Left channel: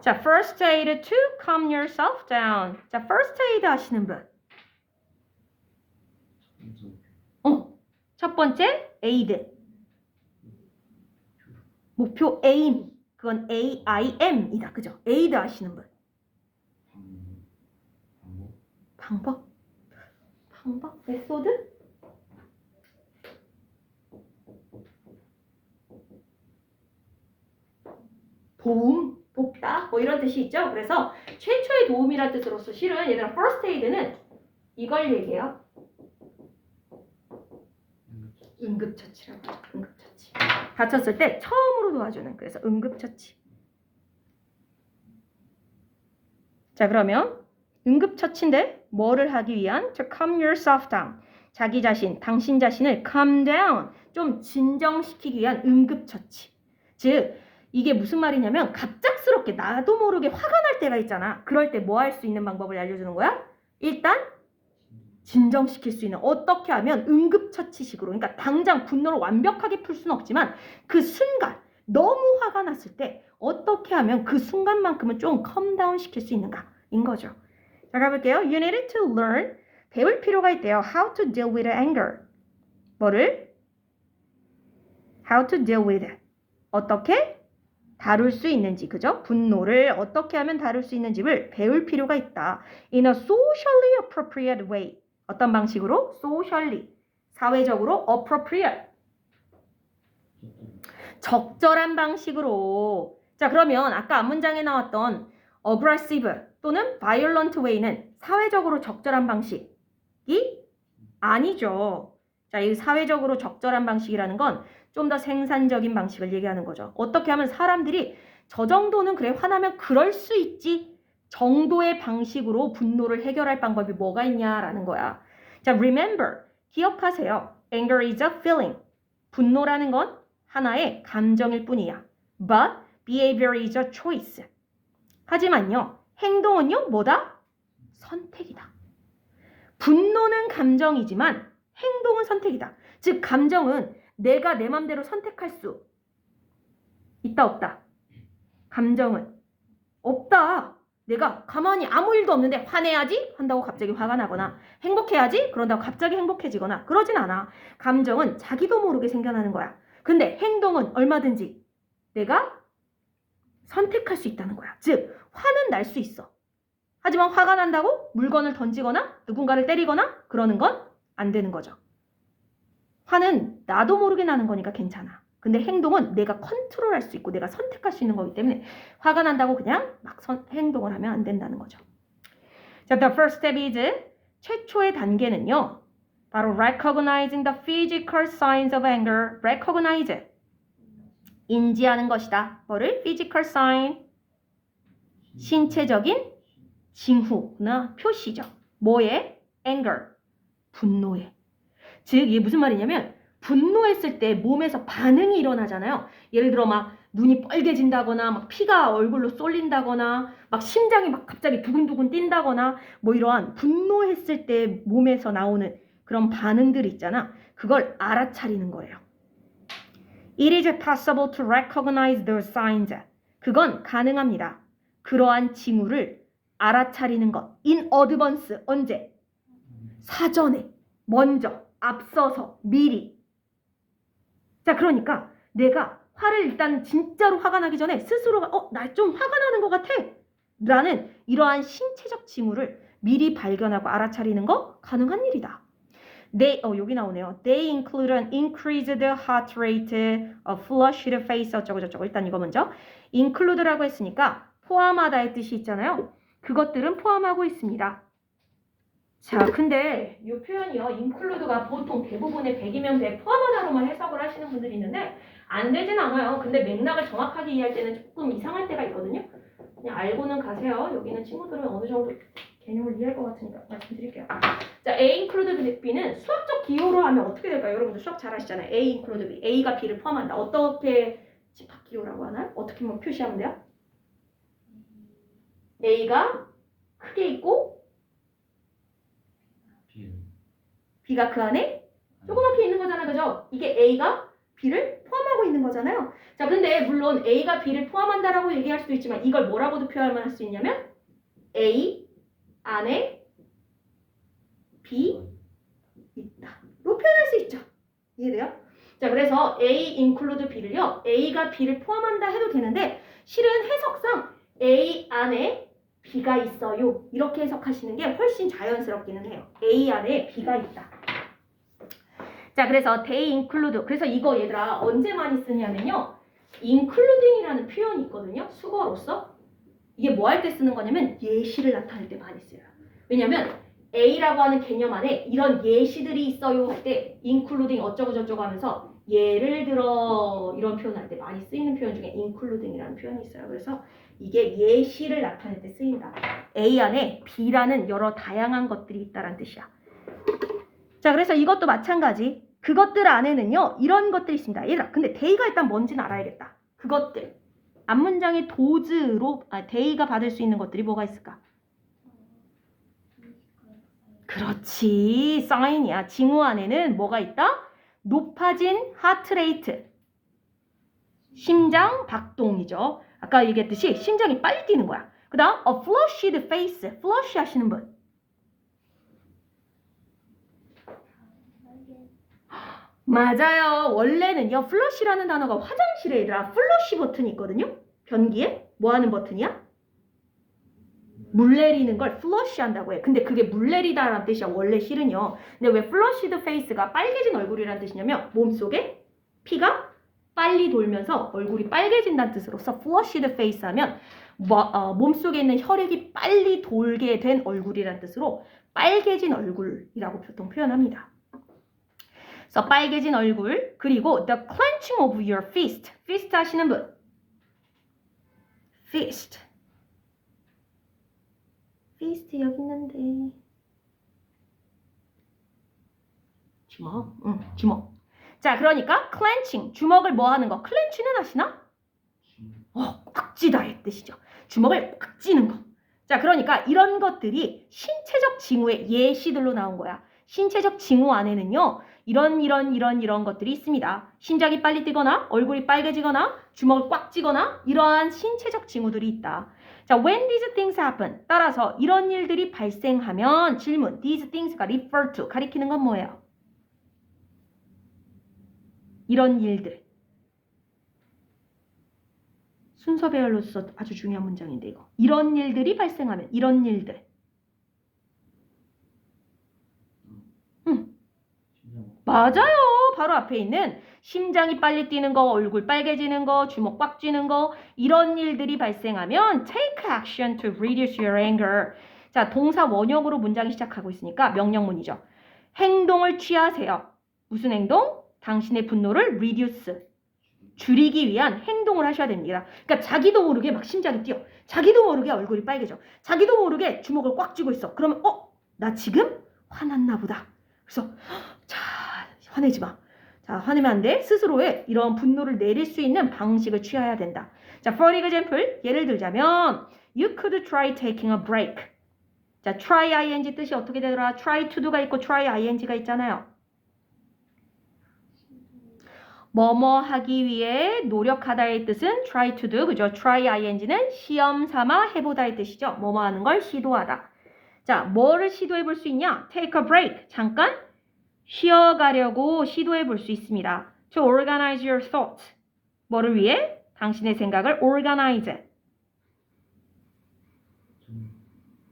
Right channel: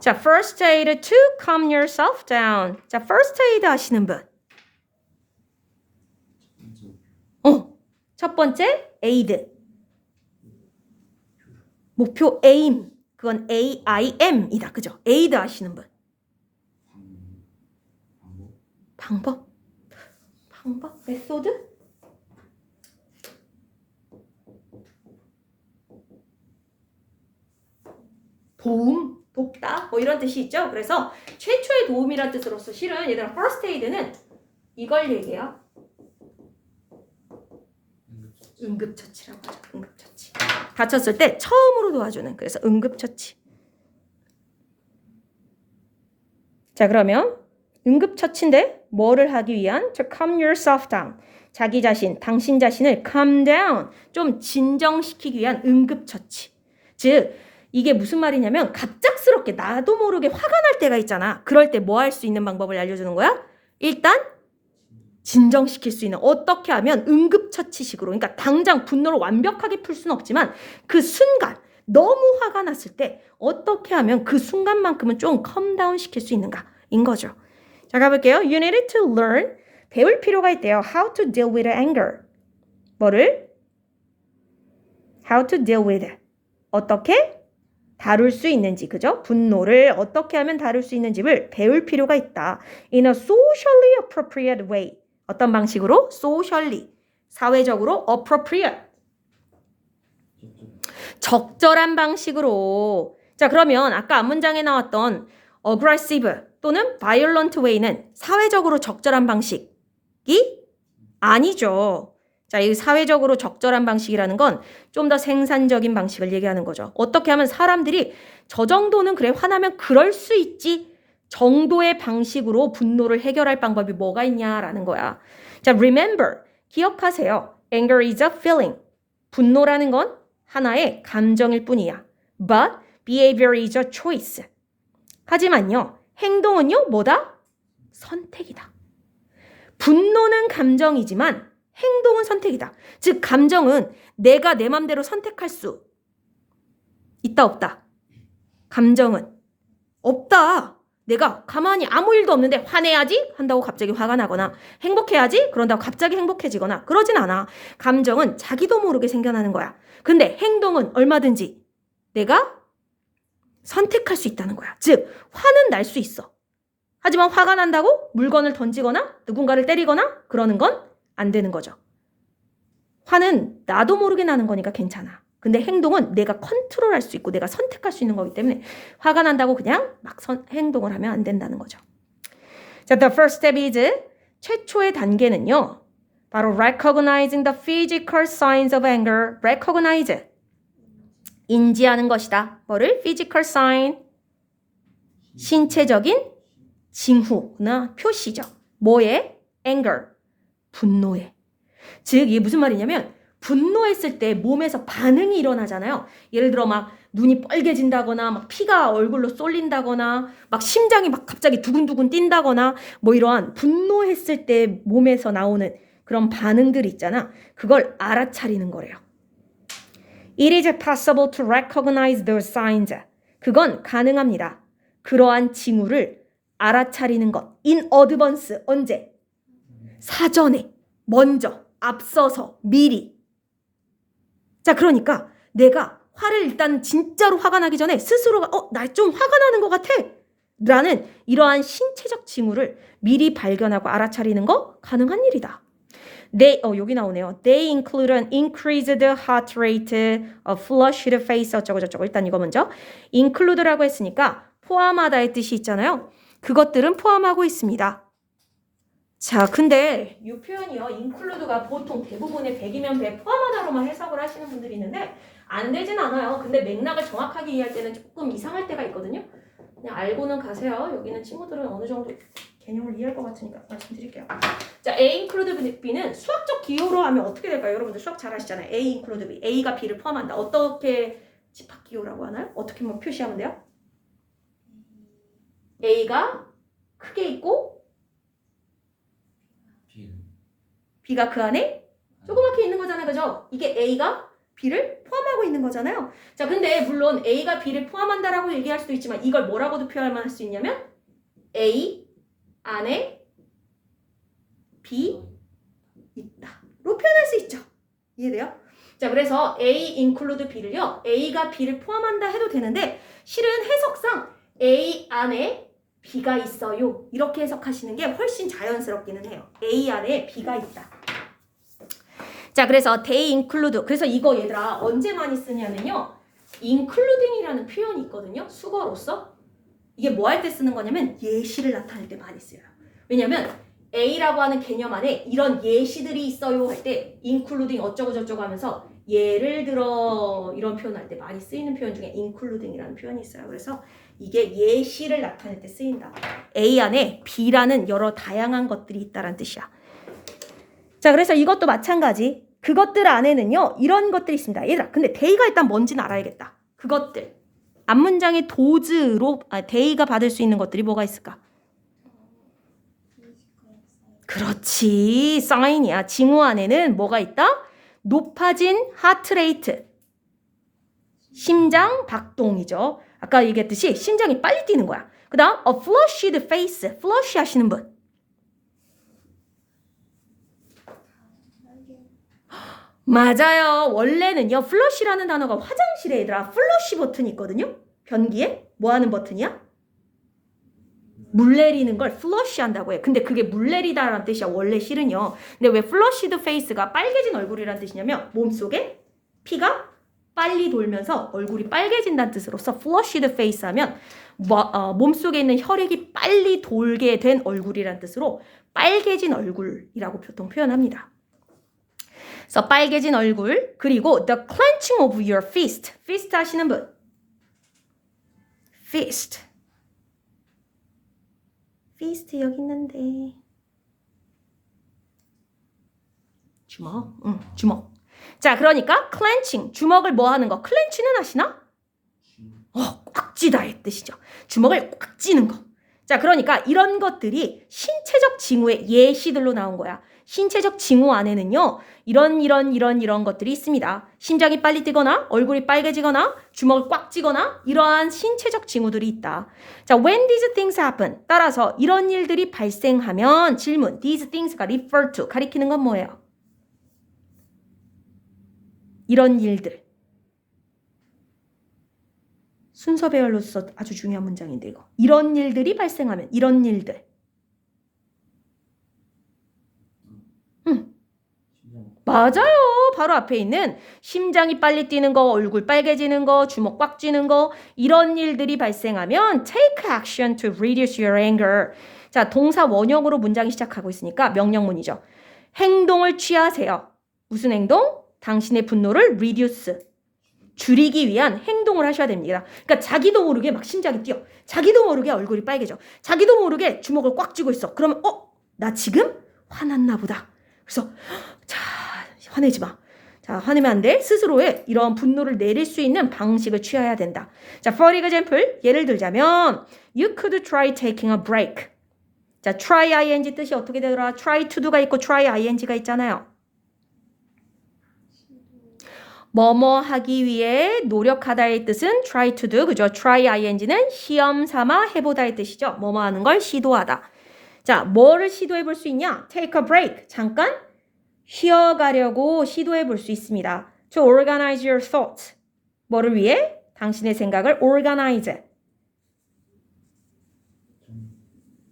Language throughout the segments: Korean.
자, first aid to calm yourself down. 자, first aid 하시는 분. 첫 번째 aid. 목표 aim. 그건 AIM이다. 그죠? aid 하시는 분. 방법? 메소드? 도움, 돕다 뭐 이런 뜻이 있죠. 그래서 최초의 도움이란 뜻으로서 실은 얘들아 first aid는 이걸 얘기해요. 응급처치라고 하죠. 응급처치. 다쳤을 때 처음으로 도와주는 그래서 응급처치. 자 그러면 응급처치인데 뭐를 하기 위한? To calm yourself down. 자기 자신, 당신 자신을 calm down. 좀 진정시키기 위한 응급처치. 즉 이게 무슨 말이냐면 갑작스럽게 나도 모르게 화가 날 때가 있잖아. 그럴 때 뭐 할 수 있는 방법을 알려주는 거야? 일단 진정시킬 수 있는 어떻게 하면 응급처치식으로 그러니까 당장 분노를 완벽하게 풀 수는 없지만 그 순간 너무 화가 났을 때 어떻게 하면 그 순간만큼은 좀 컴다운 시킬 수 있는가인 거죠. 자 가볼게요. You needed to learn 배울 필요가 있대요. How to deal with anger. 뭐를? How to deal with 어떻게 다룰 수 있는지, 그죠? 분노를 어떻게 하면 다룰 수 있는지를 배울 필요가 있다. In a socially appropriate way. 어떤 방식으로? Socially. 사회적으로 appropriate. 적절한 방식으로. 자, 그러면 아까 앞문장에 나왔던 aggressive 또는 violent way는 사회적으로 적절한 방식이 아니죠. 자, 이 사회적으로 적절한 방식이라는 건 좀 더 생산적인 방식을 얘기하는 거죠. 어떻게 하면 사람들이 저 정도는 그래 화나면 그럴 수 있지 정도의 방식으로 분노를 해결할 방법이 뭐가 있냐라는 거야. 자, remember, 기억하세요. Anger is a feeling. 분노라는 건 하나의 감정일 뿐이야. But behavior is a choice. 하지만요, 행동은요, 뭐다? 선택이다. 분노는 감정이지만 행동은 선택이다. 즉 감정은 내가 내 맘대로 선택할 수 있다 없다. 감정은 없다. 내가 가만히 아무 일도 없는데 화내야지 한다고 갑자기 화가 나거나 행복해야지 그런다고 갑자기 행복해지거나 그러진 않아. 감정은 자기도 모르게 생겨나는 거야. 근데 행동은 얼마든지 내가 선택할 수 있다는 거야. 즉 화는 날 수 있어. 하지만 화가 난다고 물건을 던지거나 누군가를 때리거나 그러는 건 안 되는 거죠. 화는 나도 모르게 나는 거니까 괜찮아. 근데 행동은 내가 컨트롤할 수 있고 내가 선택할 수 있는 거기 때문에 화가 난다고 그냥 막 행동을 하면 안 된다는 거죠. 자, the first step is 최초의 단계는요. 바로 recognizing the physical signs of anger. recognize 인지하는 것이다. 뭐를? physical sign 신체적인 징후나 표시죠. 뭐에? anger 분노에. 즉 이게 무슨 말이냐면 분노했을 때 몸에서 반응이 일어나잖아요. 예를 들어 막 눈이 빨개진다거나 막 피가 얼굴로 쏠린다거나 막 심장이 막 갑자기 두근두근 뛴다거나 뭐 이러한 분노했을 때 몸에서 나오는 그런 반응들 있잖아. 그걸 알아차리는 거래요. It is possible to recognize those signs. 그건 가능합니다. 그러한 징후를 알아차리는 것. In advance. 언제? 사전에. 먼저. 앞서서. 미리. 자, 그러니까 내가 화를 일단 진짜로 화가 나기 전에 스스로가 나 좀 화가 나는 것 같아. 라는 이러한 신체적 징후를 미리 발견하고 알아차리는 거 가능한 일이다. 여기 나오네요. They include an increased heart rate, a flushed face 어쩌고 저쩌고. 일단 이거 먼저. include라고 했으니까 포함하다의 뜻이 있잖아요. 그것들은 포함하고 있습니다. 자, 근데 이 표현이요. include가 보통 대부분의 100이면 100 포함하다로만 해석을 하시는 분들이 있는데 안 되진 않아요. 근데 맥락을 정확하게 이해할 때는 조금 이상할 때가 있거든요. 그냥 알고는 가세요. 여기는 친구들은 어느 정도 개념을 이해할 것 같으니까 말씀드릴게요. 자, A include B는 수학적 기호로 하면 어떻게 될까요? 여러분들 수학 잘 아시잖아요. A include B. A가 B를 포함한다. 어떻게 집합 기호라고 하나요? 어떻게 뭐 표시하면 돼요? A가 크게 있고 B가 그 안에 조그맣게 있는 거잖아요. 그죠? 이게 A가 B를 포함하고 있는 거잖아요. 자, 근데 물론 A가 B를 포함한다라고 얘기할 수도 있지만 이걸 뭐라고도 표현할 수 있냐면 A 안에 B 있다로 표현할 수 있죠. 이해돼요? 자, 그래서 A include B를요. A가 B를 포함한다 해도 되는데 실은 해석상 A 안에 B가 있어요. 이렇게 해석하시는 게 훨씬 자연스럽기는 해요. A 안에 B가 있다. 자, 그래서 they include. 그래서 이거 얘들아 언제 많이 쓰냐면요. including이라는 표현이 있거든요. 수거로서. 이게 뭐 할 때 쓰는 거냐면 예시를 나타낼 때 많이 써요. 왜냐면 A라고 하는 개념 안에 이런 예시들이 있어요 할 때 including 어쩌고 저쩌고 하면서 예를 들어 이런 표현할 때 많이 쓰이는 표현 중에 including이라는 표현이 있어요. 그래서 이게 예시를 나타낼 때 쓰인다. A 안에 B라는 여러 다양한 것들이 있다는 뜻이야. 자, 그래서 이것도 마찬가지. 그것들 안에는요. 이런 것들이 있습니다. 얘들아, 근데 they가 일단 뭔지는 알아야겠다. 그것들. 앞문장의 도즈로 they가 받을 수 있는 것들이 뭐가 있을까? 그렇지. 사인이야. 징후 안에는 뭐가 있다? 높아진 하트레이트. 심장 박동이죠. 아까 얘기했듯이 심장이 빨리 뛰는 거야. 그 다음 a flushed face. flush 하시는 분. 맞아요. 원래는요. 플러시라는 단어가 화장실에 얘들아 플러시 버튼이 있거든요. 변기에 뭐 하는 버튼이야? 물 내리는 걸 플러시 한다고 해. 근데 그게 물 내리다라는 뜻이야. 원래 실은요. 근데 왜 플러시드 페이스가 빨개진 얼굴이라는 뜻이냐면 몸속에 피가 빨리 돌면서 얼굴이 빨개진다는 뜻으로서 플러시드 페이스 하면 몸속에 있는 혈액이 빨리 돌게 된 얼굴이라는 뜻으로 빨개진 얼굴이라고 보통 표현합니다. 그래서 빨개진 얼굴, 그리고 the clenching of your fist. fist 하시는 분. fist. fist 여기 있는데. 주먹. 주먹. 자, 그러니까 clenching. 주먹을 뭐 하는 거? clench는 하시나? 꽉 쥐다의 뜻이죠. 주먹을 꽉 쥐는 거. 자, 그러니까 이런 것들이 신체적 징후의 예시들로 나온 거야. 신체적 징후 안에는요. 이런 것들이 있습니다. 심장이 빨리 뛰거나 얼굴이 빨개지거나 주먹을 꽉 쥐거나 이러한 신체적 징후들이 있다. 자, when these things happen. 따라서 이런 일들이 발생하면 질문. these things가 refer to. 가리키는 건 뭐예요? 이런 일들. 순서 배열로서 아주 중요한 문장인데 이거. 이런 일들이 발생하면 이런 일들. 맞아요. 바로 앞에 있는 심장이 빨리 뛰는 거, 얼굴 빨개지는 거, 주먹 꽉 쥐는 거 이런 일들이 발생하면 take action to reduce your anger. 자, 동사 원형으로 문장이 시작하고 있으니까 명령문이죠. 행동을 취하세요. 무슨 행동? 당신의 분노를 reduce. 줄이기 위한 행동을 하셔야 됩니다. 그러니까 자기도 모르게 막 심장이 뛰어. 자기도 모르게 얼굴이 빨개져. 자기도 모르게 주먹을 꽉 쥐고 있어. 그러면 나 지금 화났나 보다. 그래서 자, 화내지 마. 자, 화내면 안 돼. 스스로의 이런 분노를 내릴 수 있는 방식을 취해야 된다. 자, for example, 예를 들자면 you could try taking a break. 자, try ing 뜻이 어떻게 되더라? try to do가 있고 try ing가 있잖아요. 뭐뭐 하기 위해 노력하다의 뜻은 try to do. 그죠? try ing는 시험 삼아 해보다의 뜻이죠. 뭐뭐 하는 걸 시도하다. 자, 뭐를 시도해 볼 수 있냐? take a break. 잠깐 쉬어가려고 시도해 볼 수 있습니다. To organize your thoughts. 뭐를 위해? 당신의 생각을 organize.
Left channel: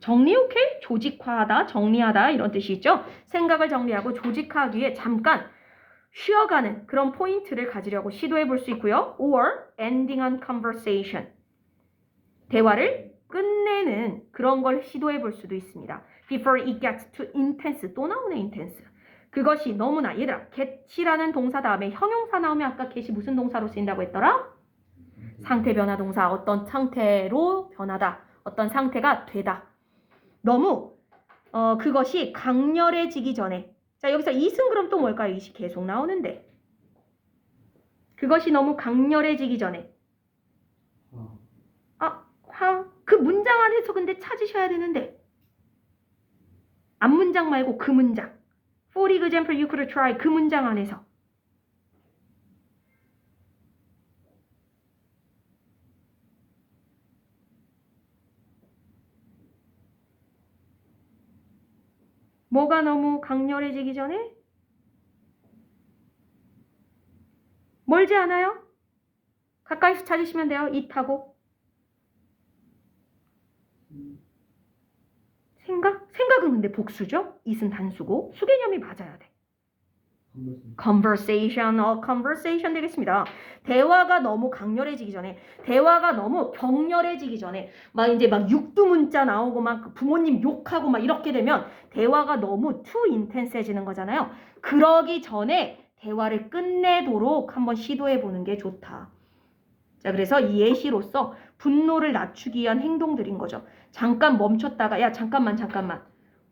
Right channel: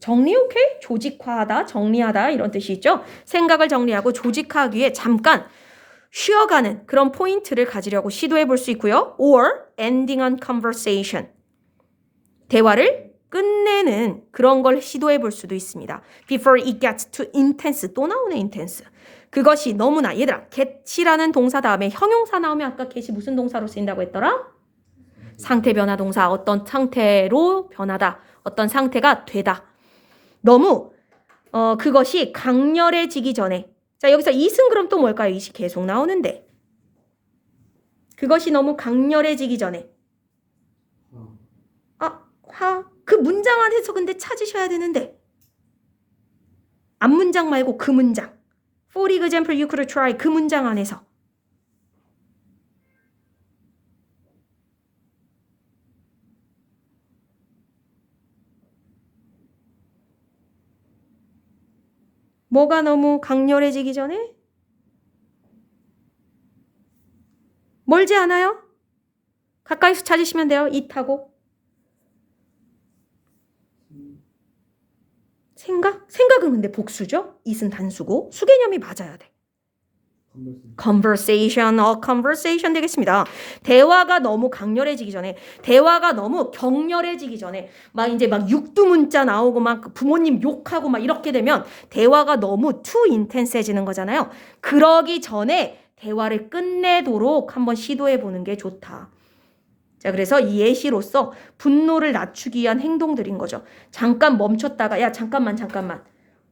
정리, 오케이? 조직화하다, 정리하다 이런 뜻이 있죠. 생각을 정리하고 조직하기 위해 잠깐 쉬어가는 그런 포인트를 가지려고 시도해 볼 수 있고요. Or ending on conversation. 대화를 끝내는 그런 걸 시도해 볼 수도 있습니다. Before it gets too intense. 또 나오네, intense. 그것이 너무나 얘들아 get이라는 동사 다음에 형용사 나오면 아까 get이 무슨 동사로 쓰인다고 했더라? 상태 변화 동사. 어떤 상태로 변하다. 어떤 상태가 되다. 너무 그것이 강렬해지기 전에. 자, 여기서 it은 그럼 또 뭘까요? it이 계속 나오는데. 그것이 너무 강렬해지기 전에. 그 문장 안에서 근데 찾으셔야 되는데. 앞문장 말고 그 문장. For example, you could try. 그 문장 안에서. 뭐가 너무 강렬해지기 전에? 멀지 않아요? 가까이서 찾으시면 돼요. it하고. 생각? 생각은 근데 복수죠? it은 단수고 수개념이 맞아야 돼. conversation, conversation 되겠습니다. 대화가 너무 강렬해지기 전에, 대화가 너무 격렬해지기 전에, 막 이제 막 육두문자 나오고 막 부모님 욕하고 막 이렇게 되면 대화가 너무 too intense해지는 거잖아요. 그러기 전에 대화를 끝내도록 한번 시도해 보는 게 좋다. 자, 그래서 이 예시로서 분노를 낮추기 위한 행동들인 거죠. 잠깐 멈췄다가, 야, 잠깐만.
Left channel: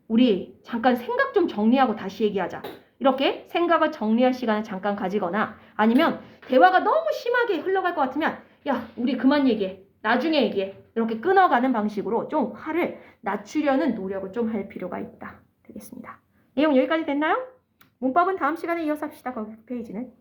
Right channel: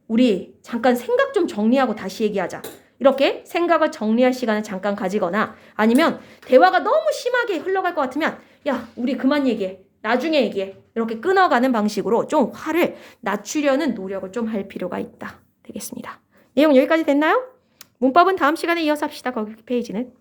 우리 잠깐 생각 좀 정리하고 다시 얘기하자. 이렇게 생각을 정리할 시간을 잠깐 가지거나 아니면 대화가 너무 심하게 흘러갈 것 같으면 야, 우리 그만 얘기해. 나중에 얘기해. 이렇게 끊어가는 방식으로 좀 화를 낮추려는 노력을 좀 할 필요가 있다. 되겠습니다. 내용 여기까지 됐나요? 문법은 다음 시간에 이어서 합시다. 거기 페이지는.